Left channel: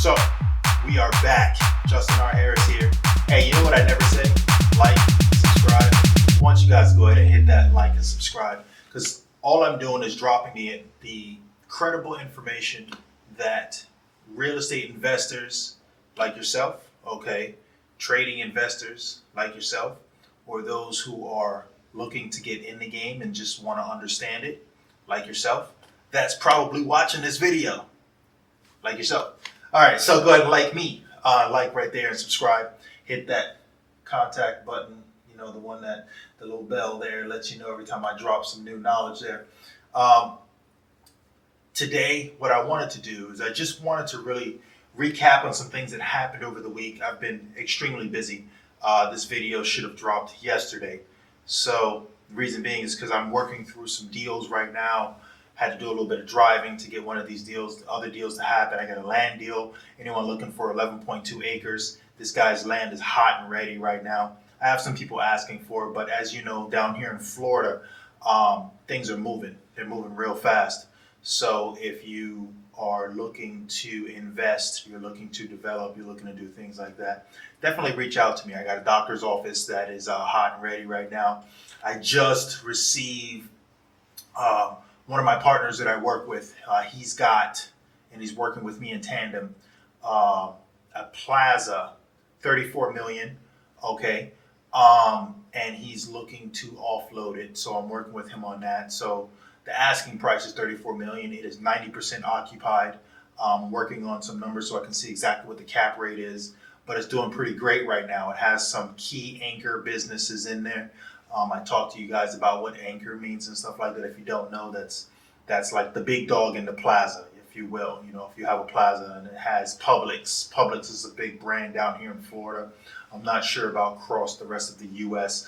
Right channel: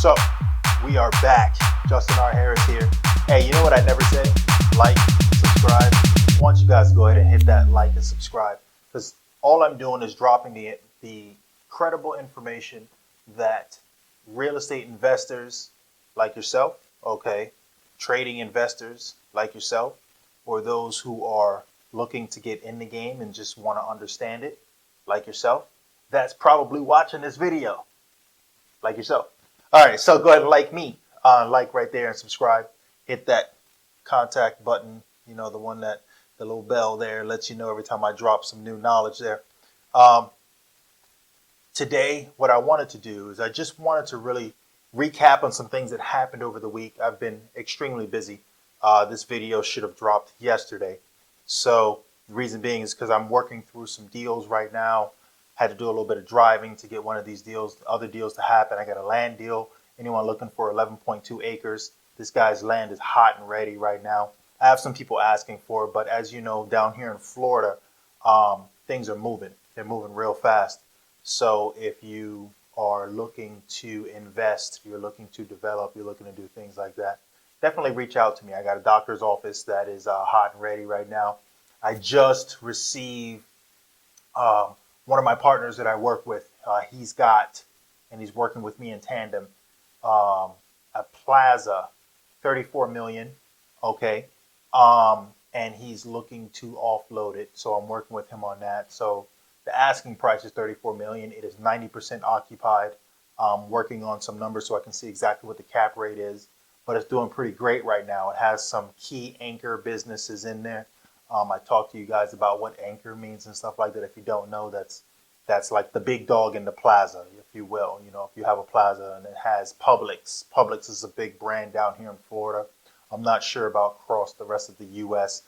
So, we are back. Justin R. Harris here. Hey, you know what I never said? Like, subscribe. I want you guys to go ahead and hit that like and subscribe, because all I'm doing is dropping the credible information that real estate investors like yourself, okay, trading investors like yourself, or those who are looking to get in the game and just want to understand it like yourself, that's probably watching this video like yourself. All right, so go ahead and like me, like right there and subscribe. Hit that contact button, you know, the one that, the little bell there lets you know every time I drop some new knowledge there. Today, what I wanted to do is I just wanted to really recap on some things that happened over the week. I've been extremely busy. This video should have dropped yesterday. So the reason being is because I'm working through some deals right now. Had to do a little bit of driving to get one of these deals, other deals to happen. I got a land deal. Anyone looking for 11.2 acres? This guy's land is hot and ready right now. I have some people asking for it, but as you know, down here in Florida, things are moving. They're moving real fast. So if you are looking to invest, you're looking to develop, you're looking to do things like that, definitely reach out to me. I got a doctor's office that is hot and ready right now. I just received one of my partners that I work with, he's got, and he's working with me in tandem, a plaza, 34 million, okay, and he's looking to offload it, so I'm working with him on that. So the asking price is 34 million. It is 90% occupied. Working on some numbers so I can see exactly what the cap rate is, but it's doing pretty great right now. It has some key anchor businesses in there. I talked to you guys about what anchor means and stuff like that. If you don't know, that's like the big dog in the plaza, if you will. You know, if you have a plaza and it has Publix. Publix is a big brand down here in Florida. I'm not sure about across the rest of the U.S.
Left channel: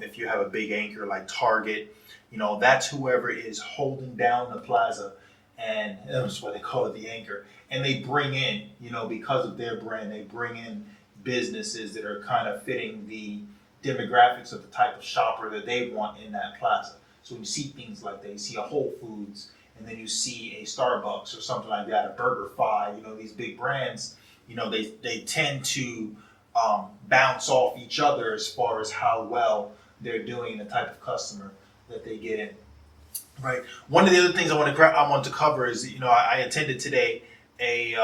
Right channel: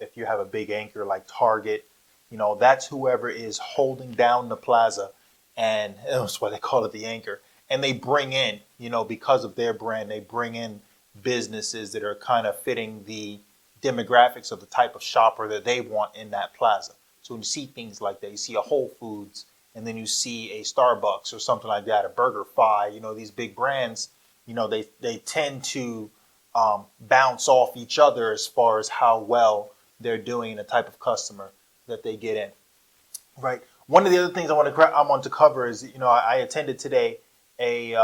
If you have a big anchor like Target, you know, that's whoever is holding down the plaza, and that's why they call it the anchor. And they bring in, you know, because of their brand, they bring in businesses that are kind of fitting the demographics of the type of shopper that they want in that plaza. So when you see things like that, you see a Whole Foods, and then you see a Starbucks or something like that, a BurgerFi, you know, these big brands, you know, they tend to bounce off each other as far as how well they're doing and the type of customer that they get in. Right. One of the other things I want to cover is, you know, I attended today a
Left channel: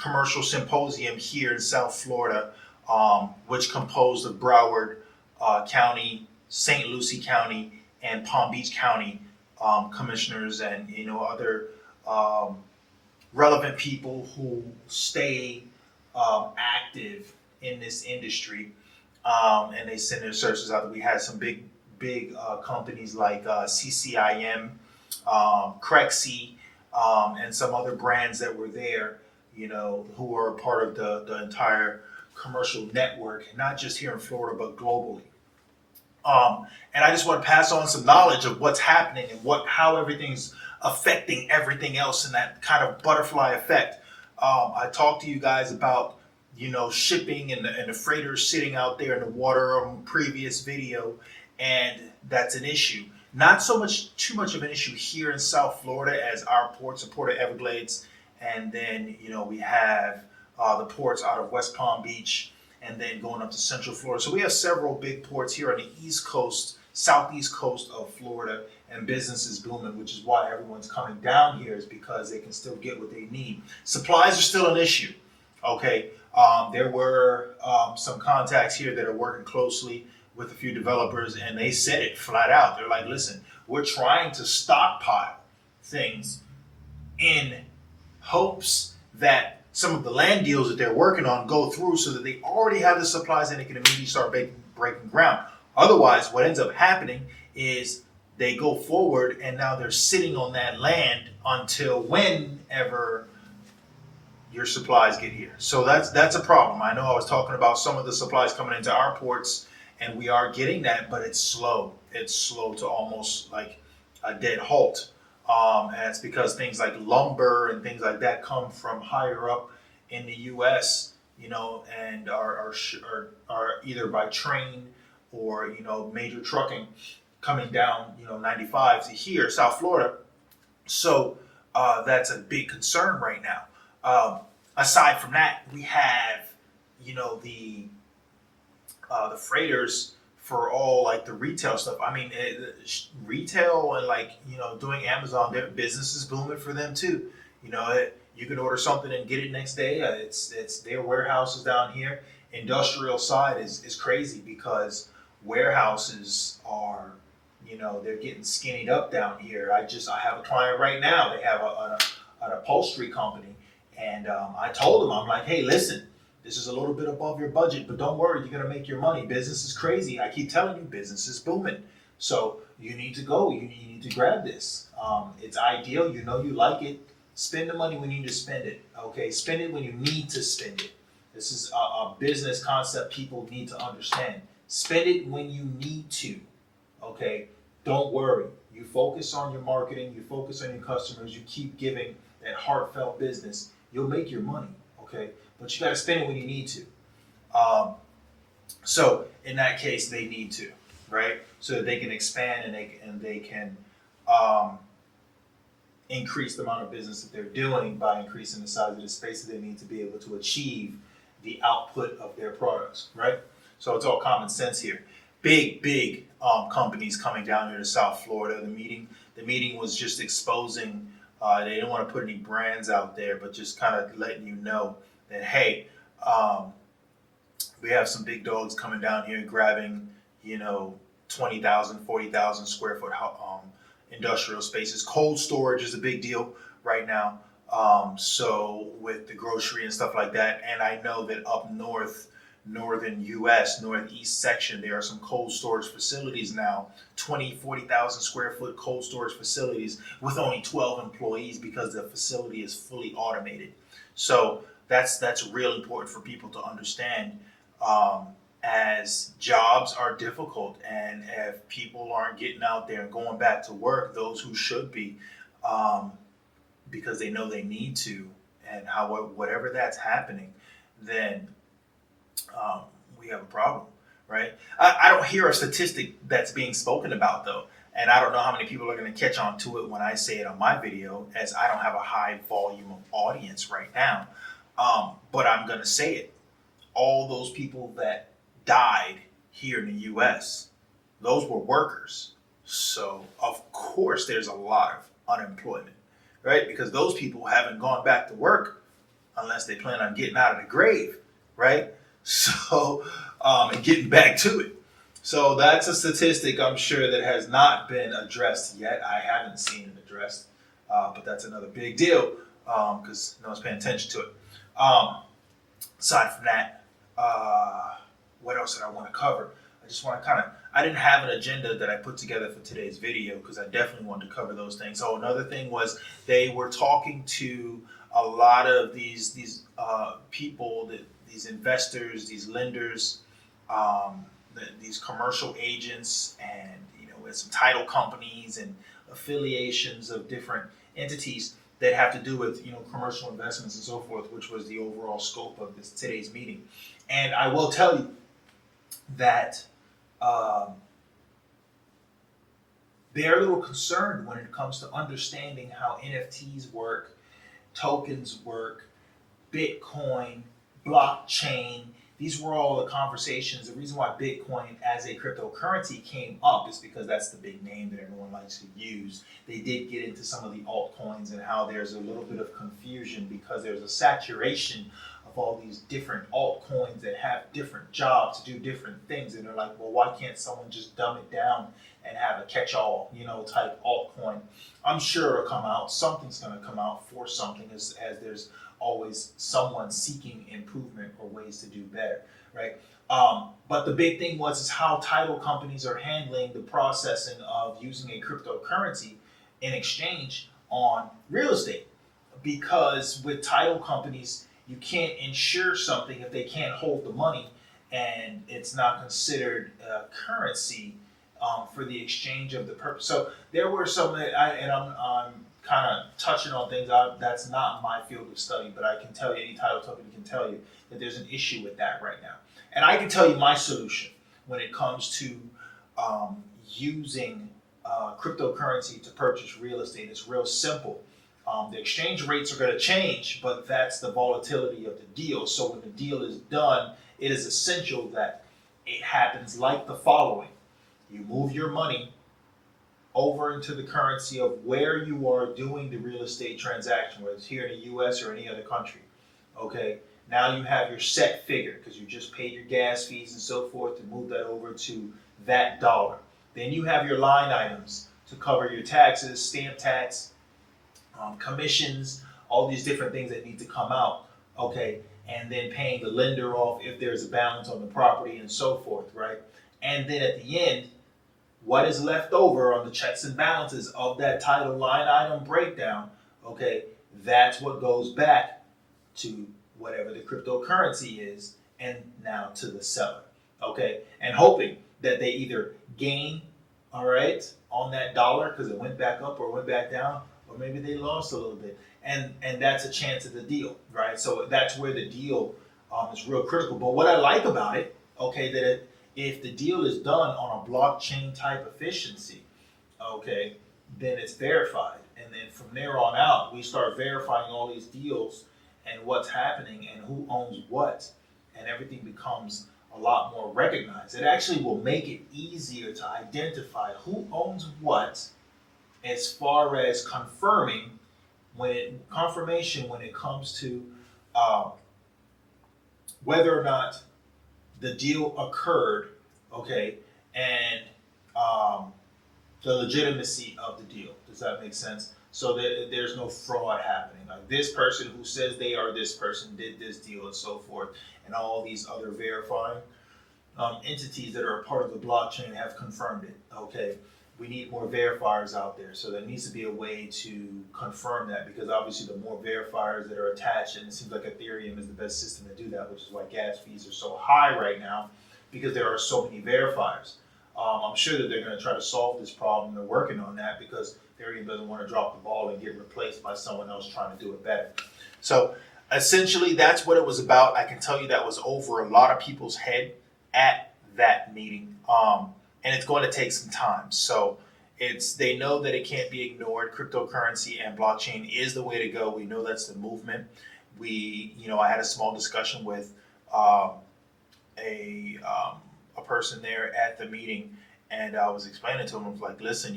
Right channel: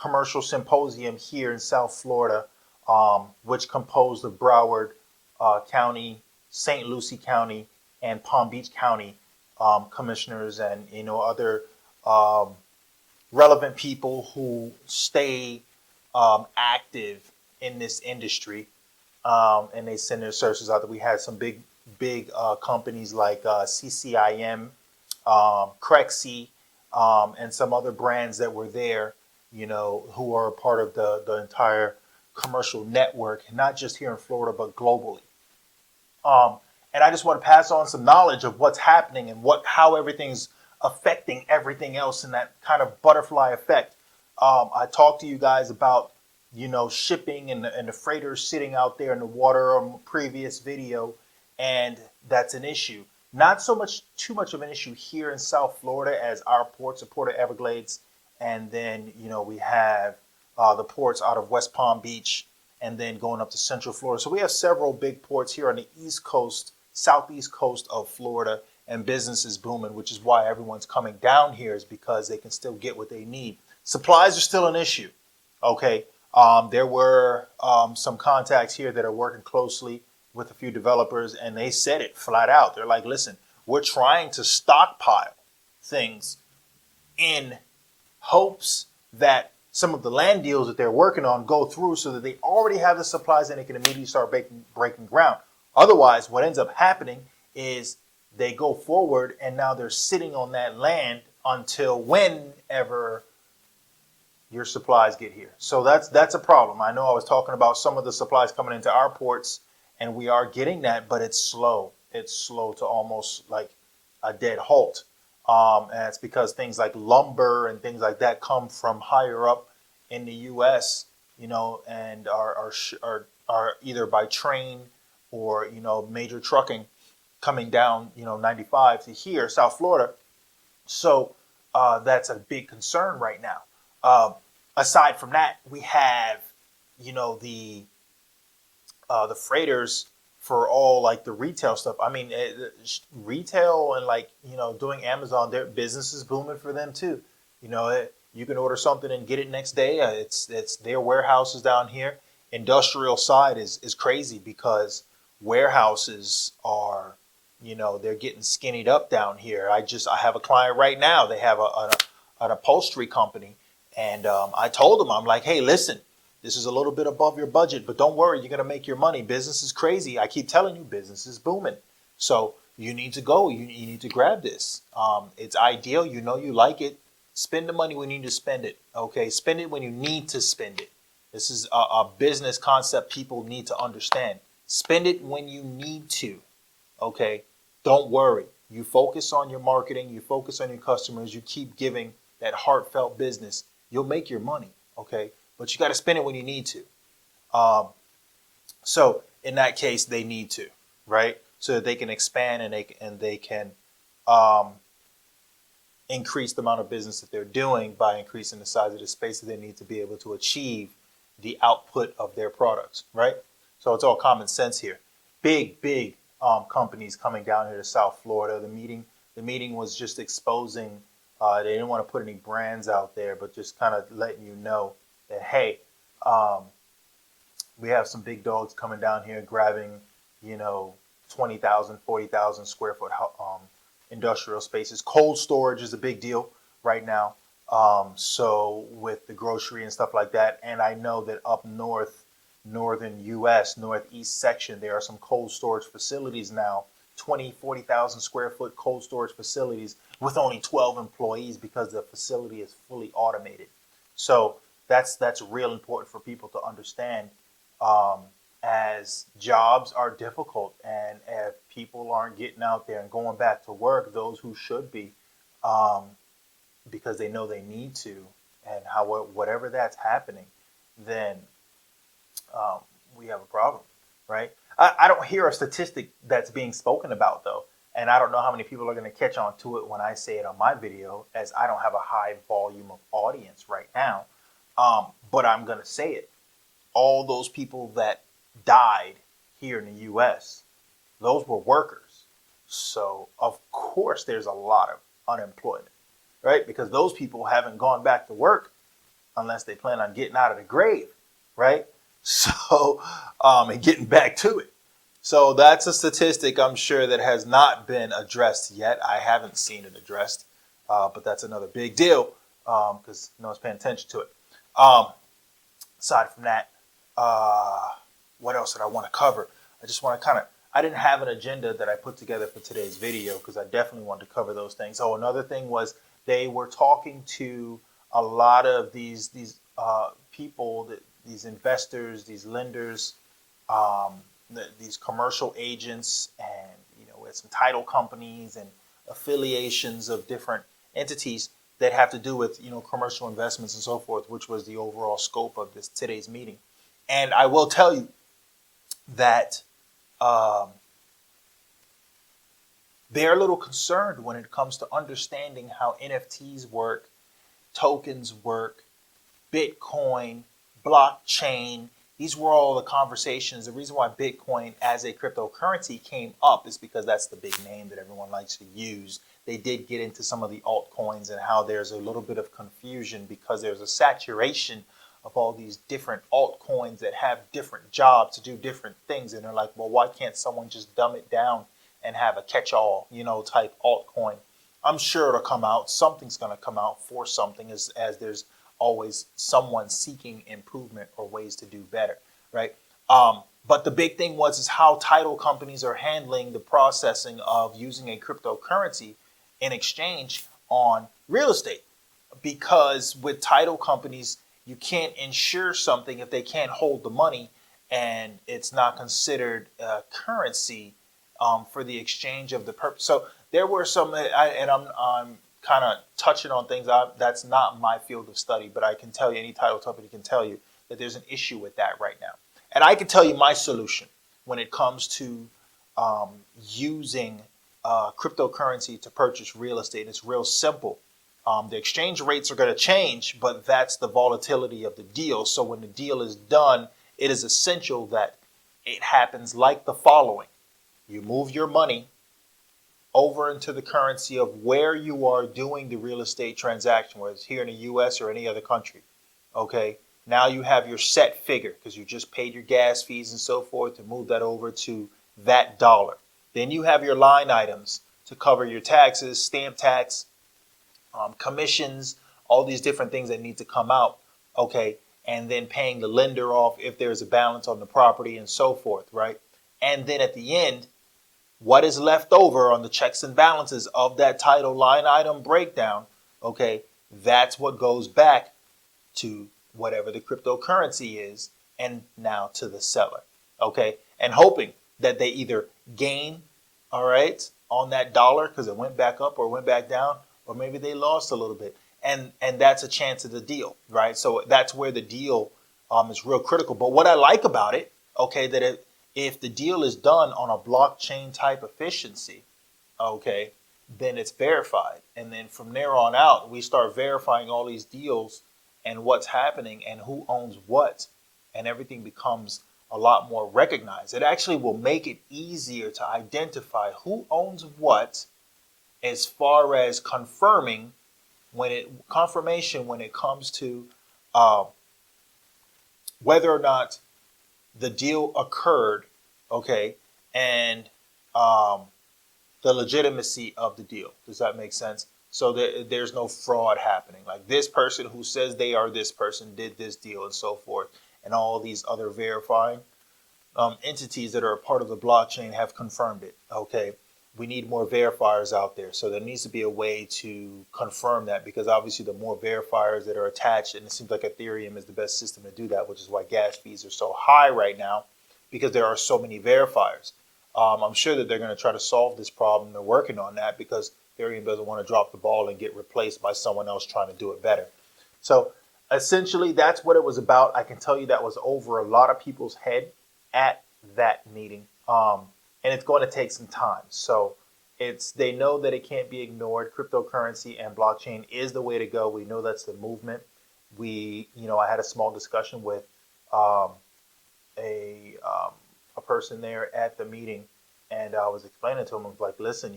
commercial symposium here in South Florida, which composed of Broward County, St. Lucie County, and Palm Beach County commissioners, and, you know, other relevant people who stay active in this industry, and they send their services out. We had some big companies like CCIM, Crexi, and some other brands that were there, you know, who are a part of the entire commercial network, not just here in Florida, but globally. And I just want to pass on some knowledge of what's happening and how everything's affecting everything else in that kind of butterfly effect. I talked to you guys about, you know, shipping and the freighters sitting out there in the water on a previous video, and that's an issue. Not too much of an issue here in South Florida, as our ports, the Port of Everglades, and then, you know, we have the ports out of West Palm Beach, and then going up to Central Florida. So we have several big ports here on the East Coast, Southeast coast of Florida, and business is booming, which is why everyone's coming down here, is because they can still get what they need. Supplies are still an issue, okay? There were some contacts here that are working closely with a few developers, and they said it flat out. They're like, listen, we're trying to stockpile things in hopes that some of the land deals that they're working on go through, so that they already have the supplies and they can immediately start breaking ground. Otherwise, what ends up happening is they go forward and now they're sitting on that land until whenever your supplies get here. So that's a problem. I know I was talking about some of the supplies coming into our ports, and we are getting that, but it's slow. It's slow to almost like a dead halt. And it's because things like lumber and things like that come from higher up in the U.S., you know, and are either by train or, you know, major trucking coming down, you know, 95 to here, South Florida. So that's a big concern right now. aside from that, we have, the freighters for all like the retail stuff. I mean, retail and like doing Amazon, their business is booming for them too. You can order something and get it next day. It's their warehouses down here. Industrial side is crazy because warehouses are, they're getting skinnied up down here. I have a client right now. They have an upholstery company, and I told them, I'm like, hey, listen, this is a little bit above your budget, but don't worry, you're gonna make your money. Business is crazy. I keep telling you, business is booming. So you need to go. You need to grab this. It's ideal. You like it. Spend the money when you need to spend it. Okay, spend it when you need to spend it. This is a business concept people need to understand. Spend it when you need to. Okay, don't worry. You focus on your marketing. You focus on your customers. You keep giving that heartfelt business. You'll make your money. Okay, but you got to spend it when you need to. So in that case, they need to, right? So that they can expand and they can increase the amount of business that they're doing by increasing the size of the space that they need to be able to achieve the output of their products, right? So it's all common sense here. Big companies coming down here to South Florida. The meeting was just exposing. They didn't want to put any brands out there, but just kind of letting you know that, hey, we have some big dogs coming down here grabbing, 20,000, 40,000 square foot industrial spaces. Cold storage is a big deal right now. So with the grocery and stuff like that, and I know that up northern U.S., northeast section, there are some cold storage facilities now, 20, 40,000 square foot cold storage facilities with only 12 employees because the facility is fully automated. So that's real important for people to understand, as jobs are difficult, and if people aren't getting out there and going back to work, those who should be, because they know they need to, and whatever that's happening, then we have a problem, right? I don't hear a statistic that's being spoken about though, and I don't know how many people are going to catch on to it when I say it on my video, as I don't have a high volume of audience right now. But I'm going to say it. All those people that died here in the U.S., those were workers. So, of course, there's a lot of unemployment, right? Because those people haven't gone back to work unless they plan on getting out of the grave, right? So, and getting back to it. So that's a statistic I'm sure that has not been addressed yet. I haven't seen it addressed, but that's another big deal because no one's paying attention to it. Aside from that, what else did I want to cover? I just want to I didn't have an agenda that I put together for today's video because I definitely wanted to cover those things. So another thing was they were talking to a lot of these people, these investors, these lenders, these commercial agents, and with some title companies and affiliations of different entities that have to do with commercial investments and so forth, which was the overall scope of today's meeting. And I will tell you that they're a little concerned when it comes to understanding how NFTs work, tokens work, Bitcoin, blockchain. These were all the conversations. The reason why Bitcoin as a cryptocurrency came up is because that's the big name that everyone likes to use. They did get into some of the altcoins and how there's a little bit of confusion because there's a saturation of all these different altcoins that have different jobs to do different things. And they're like, well, why can't someone just dumb it down and have a catch-all, type altcoin? I'm sure it'll come out. Something's going to come out for something, as there's always someone seeking improvement or ways to do better, right? But the big thing is how title companies are handling the processing of using a cryptocurrency in exchange on real estate. Because with title companies, you can't insure something if they can't hold the money, and it's not considered currency for the exchange of the purpose. So there were some, I'm kind of touching on things that's not my field of study, but I can tell you, any title company can tell you that there's an issue with that right now. And I can tell you my solution when it comes to using cryptocurrency to purchase real estate. It's real simple. The exchange rates are going to change, but that's the volatility of the deal. So when the deal is done, it is essential that it happens like the following. You move your money over into the currency of where you are doing the real estate transaction, whether it's here in the US or any other country. Okay, now you have your set figure because you just paid your gas fees and so forth to move that over to that dollar. Then you have your line items to cover your taxes, stamp tax, commissions, all these different things that need to come out. Okay, and then paying the lender off if there's a balance on the property and so forth, right? And then at the end, what is left over on the checks and balances of that title line item breakdown, okay, that's what goes back to whatever the cryptocurrency is and now to the seller, okay, and hoping that they either gain, all right, on that dollar because it went back up or went back down, or maybe they lost a little bit, and that's a chance of the deal, right? So that's where the deal is real critical. But what I like about it, okay, that if the deal is done on a blockchain type efficiency, okay, then it's verified. And then from there on out, we start verifying all these deals and what's happening and who owns what. And everything becomes a lot more recognized. It actually will make it easier to identify who owns what as far as confirmation when it comes to whether or not the deal occurred, okay, and the legitimacy of the deal. Does that make sense? So that there's no fraud happening. Like this person who says they are this person did this deal and so forth, and all these other verifying entities that are a part of the blockchain have confirmed it. Okay, we need more verifiers out there. So there needs to be a way to confirm that, because obviously the more verifiers that are attached, and it seems like Ethereum is the best system to do that, which is why gas fees are so high right now, because there are so many verifiers. I'm sure that they're going to try to solve this problem. They're working on that because Ethereum doesn't want to drop the ball and get replaced by someone else trying to do it better. So essentially, that's what it was about. I can tell you that was over a lot of people's head at that meeting. And it's going to take some time. So they know that it can't be ignored. Cryptocurrency and blockchain is the way to go. We know that's the movement. I had a small discussion with a person there at the meeting, and I was explaining to him, I was like, listen,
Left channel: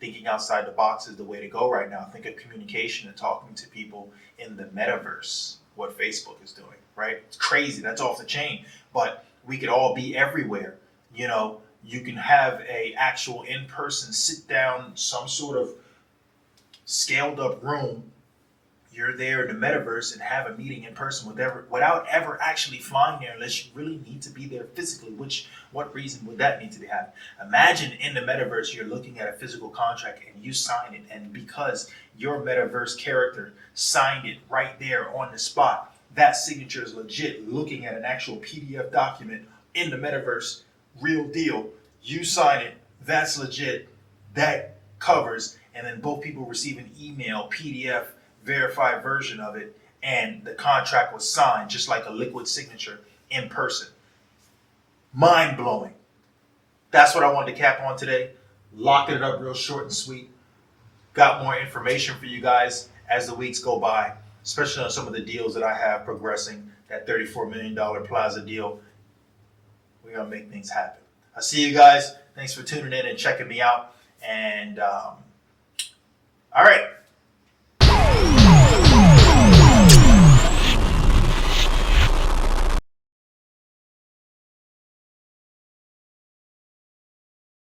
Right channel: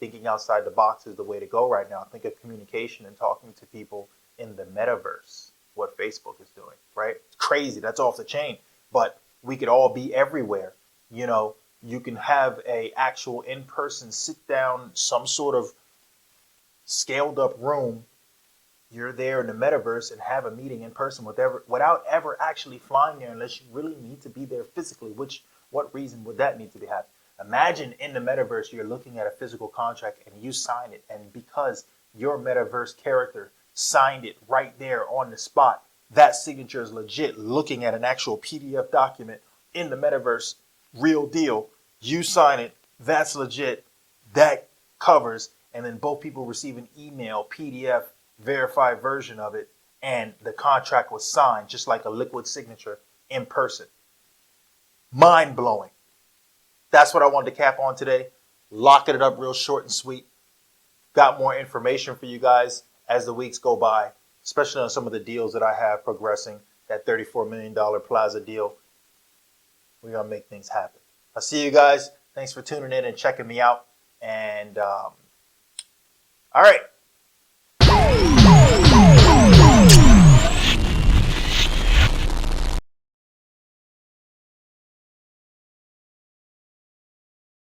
thinking outside the box is the way to go right now. Think of communication and talking to people in the metaverse, what Facebook is doing, right? It's crazy. That's off the chain. But we could all be everywhere. You can have a actual in-person sit down, some sort of scaled up room. You're there in the metaverse and have a meeting in person without ever actually flying there, unless you really need to be there physically. What reason would that need to be happening? Imagine in the metaverse, you're looking at a physical contract and you sign it. And because your metaverse character signed it right there on the spot, that signature is legit, looking at an actual PDF document in the metaverse, real deal. You sign it, that's legit, that covers, and then both people receive an email, PDF, verified version of it, and the contract was signed just like a liquid signature in person. Mind blowing. That's what I wanted to cap on today. Locking it up real short and sweet. Got more information for you guys as the weeks go by, especially on some of the deals that I have progressing. That $34 million Plaza deal. We're going to make things happen. I'll see you guys. Thanks for tuning in and checking me out. And all right.